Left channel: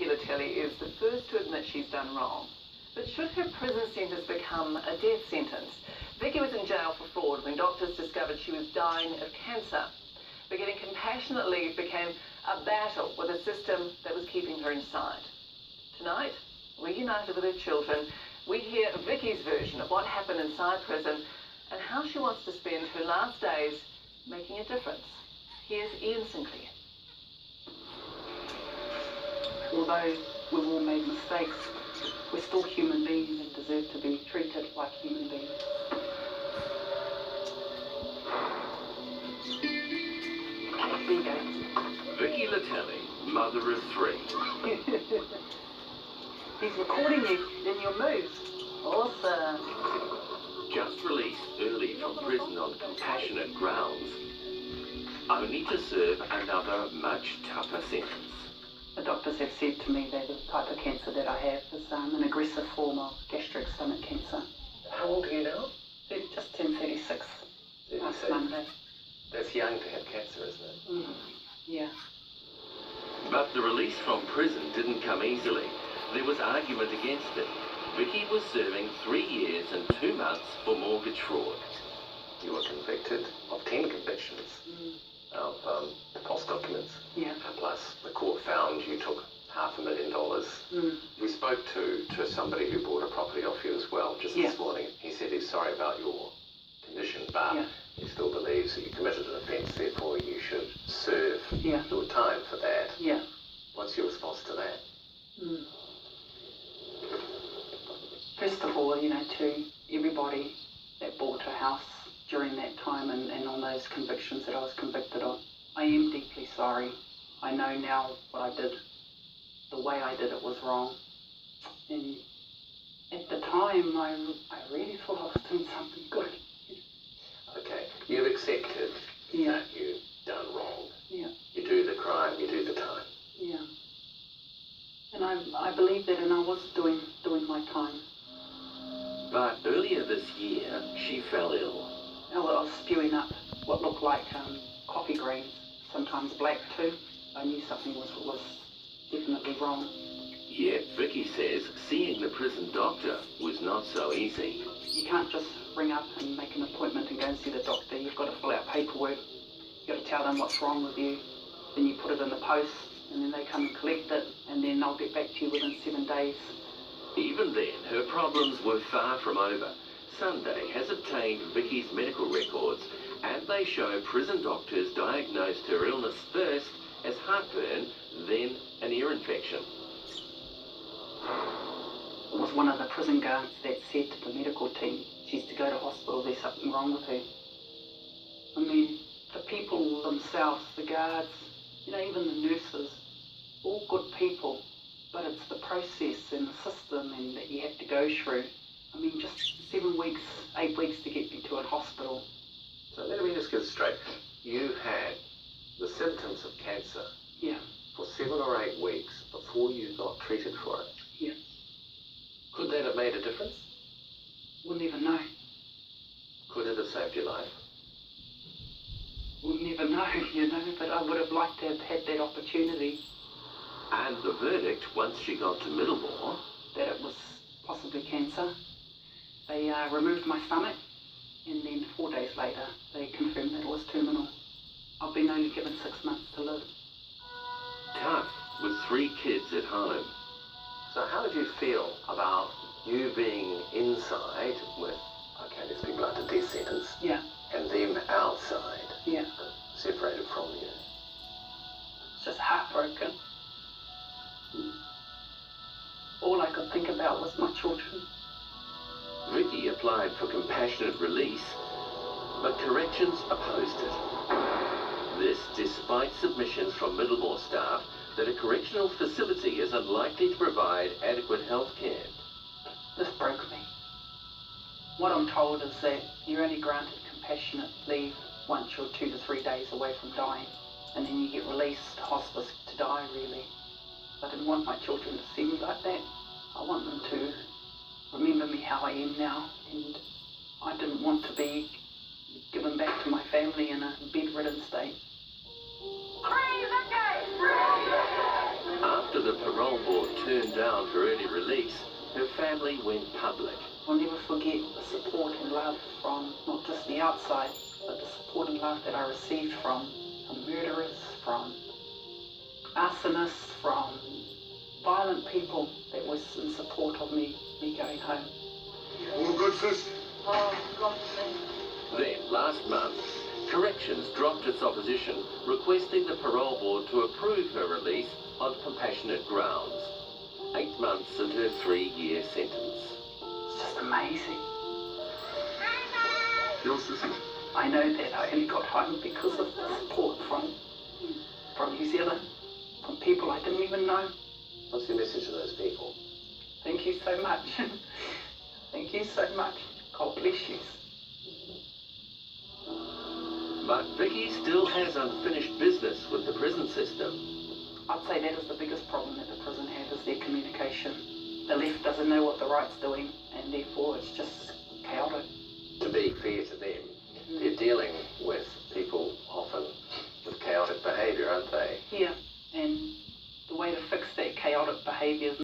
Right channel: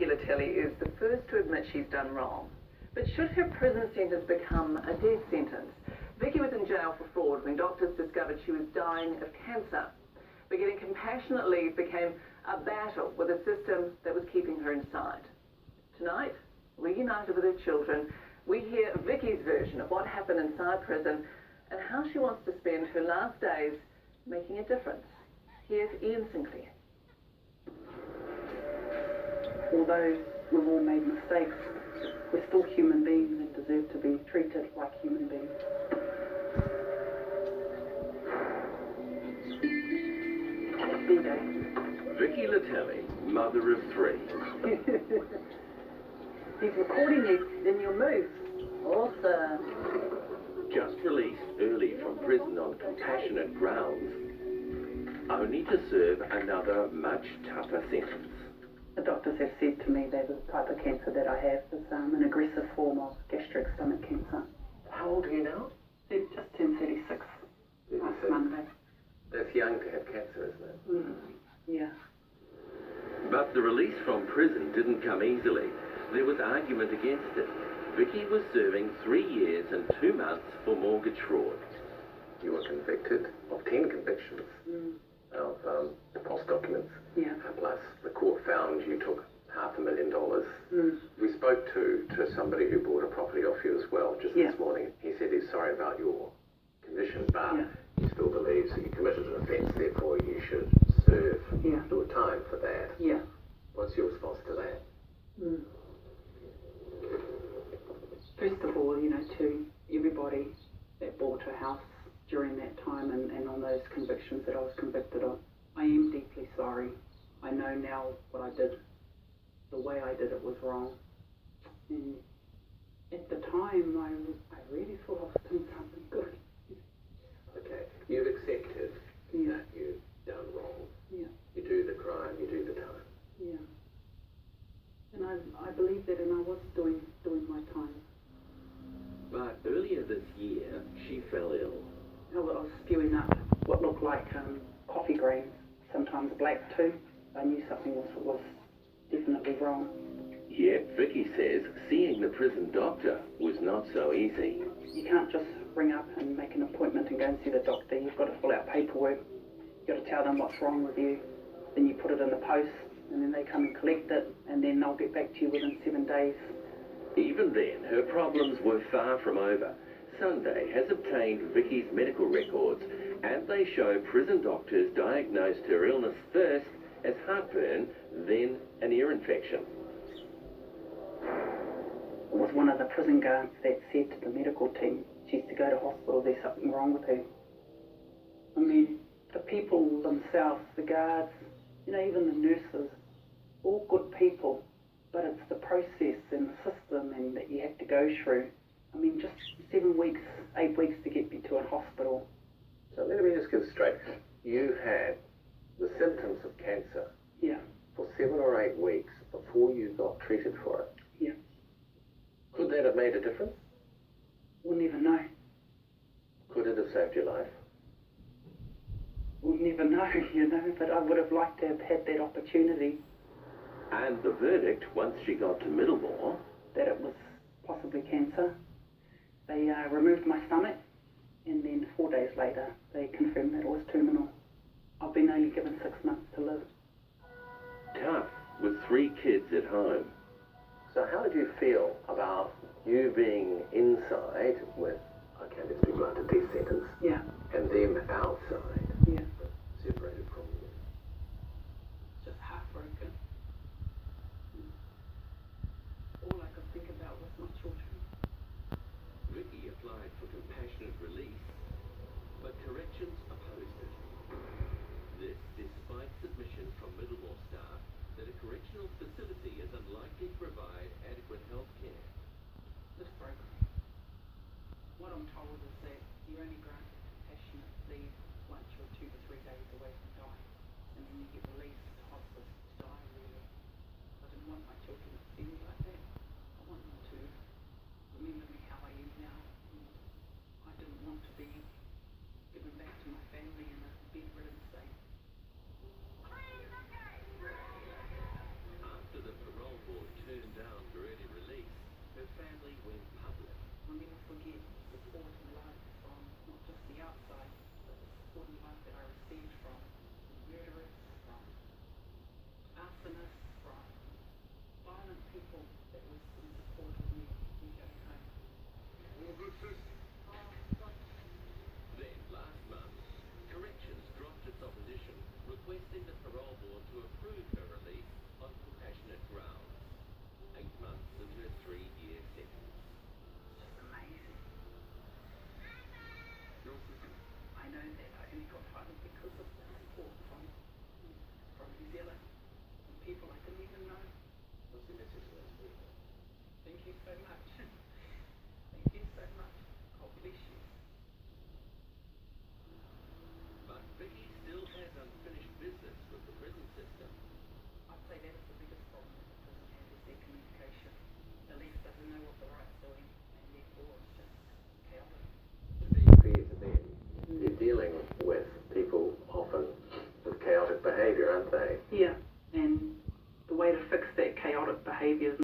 Vicki Letele is the first to admit she's done wrong. But should her prison sentence become a death sentence? Vicki was in jail for fraud when doctors discovered she was dying of cancer. But getting compassionate leave became a battle with a system that was keeping her inside. Tonight, reunited with her children, we hear Vicki's version of what happened inside prison and how she wants to spend her last days making a difference. Here's Ian Sinclair. Although we've all made mistakes, we're still human beings and deserve to be treated like human beings. There you go. Vicki Letele, mother of 3. He's recording you in your moves. Awesome. Just released early from prison on compassionate grounds, only to serve another much tougher sentence. The doctors have said to me that the type of cancer that I have is an aggressive form of gastric stomach cancer. How old are you now? Just turned 36 last 36. Monday. That's young to have cancer, isn't it? Yeah. But the release from prison didn't come easily. There was argument against it. Vicki was serving 3 years and 2 months for mortgage fraud. You were convicted of 10 convictions of false documents. Yeah. Plus, the court found you took $500,000. We spoke to somebody who bought a property off you as well just this morning. He said he's sorry about your condition, but he still believes that you committed an offence, therefore you should serve your time for that. Yeah. What's your response to that? First of all, to everybody that bought a house during that time and on those convictions that I was convicted of, I am deeply sorry. I know now what I did, the way I did it was wrong. And at the time, I really thought I was doing something good. Okay, you've accepted that you've done wrong. Yeah. You do the crime, you do the time. Yeah. And I believe that, and I was doing my time. But earlier this year, she fell ill. I was spewing up what looked like coffee grains, sometimes black too. I knew something was definitely wrong. Yet Vicki says seeing the prison doctor was not so easy. You can't just ring up and make an appointment and go and see the doctor. You've got to fill out paperwork. You've got to tell them what's wrong with you. Then you put it in the post, and then they come and collect it, and then they'll get back to you within 7 days. Even then, her problems were far from over. Sunday has obtained Vicki's medical records, and they show prison doctors diagnosed her illness first as heartburn, then an ear infection. It was one of the prison guards that said to the medical team, she's to go to hospital, there's something wrong with her. I mean, the people themselves, the guards, even the nurses, all good people, but it's the process and the system and that you have to go through. I mean, just 7 weeks, 8 weeks to get me to a hospital. So let me just get straight. You had the symptoms of cancer for 7 or 8 weeks before you got treated for it. Yeah. Could that have made a difference? We'll never know. Could it have saved your life? We'll never know, but I would have liked to have had that opportunity. And the verdict, once she got to Middlemore, that it was possibly cancer. They removed my stomach, and then 4 days later, they confirmed that it was terminal. I've been only given 6 months to live. tough, with 3 kids at home. So how did you feel about you being inside with, let's be blunt, a death sentence, and them outside, separated from you? It's just heartbroken. All I could think about was my children. Vicki applied for compassionate release, but corrections opposed it. This despite submissions from Middlemore staff that a correctional facility is unlikely to provide adequate health care. This broke me. What I'm told is that you're only granted compassionate leave once you're 2 to 3 days away from dying, and then you get released to hospice to die, really. I didn't want my children to see me like that. I want them to remember me how I am now, and I didn't want to be given back to my family in a bedridden state. After the parole parole board turned down her early release, her family went public. I'll never forget the support and love from not just the outside, but the support and love that I received from murderers, from arsonists, from violent people that was in support of me going home. All good, sis? Oh, God, Then, last month, Corrections dropped its opposition, requesting the parole board to approve her release on compassionate grounds. 8 months into her 3-year sentence. it's just amazing. Your sissy? I know that I only got home because of the support from New Zealand, from people I didn't even know. What's your message to those people? Thank you so much. Thank you so much. God bless you. But Vicki still has unfinished business with the prison system. I'd say that is the biggest problem that the prison have, is their communication. The left doesn't know what the right's doing, and therefore it's just chaotic. To be fair to them, they're dealing with people often with chaotic behaviour, aren't they? Yeah, and the way to fix that chaotic behaviour is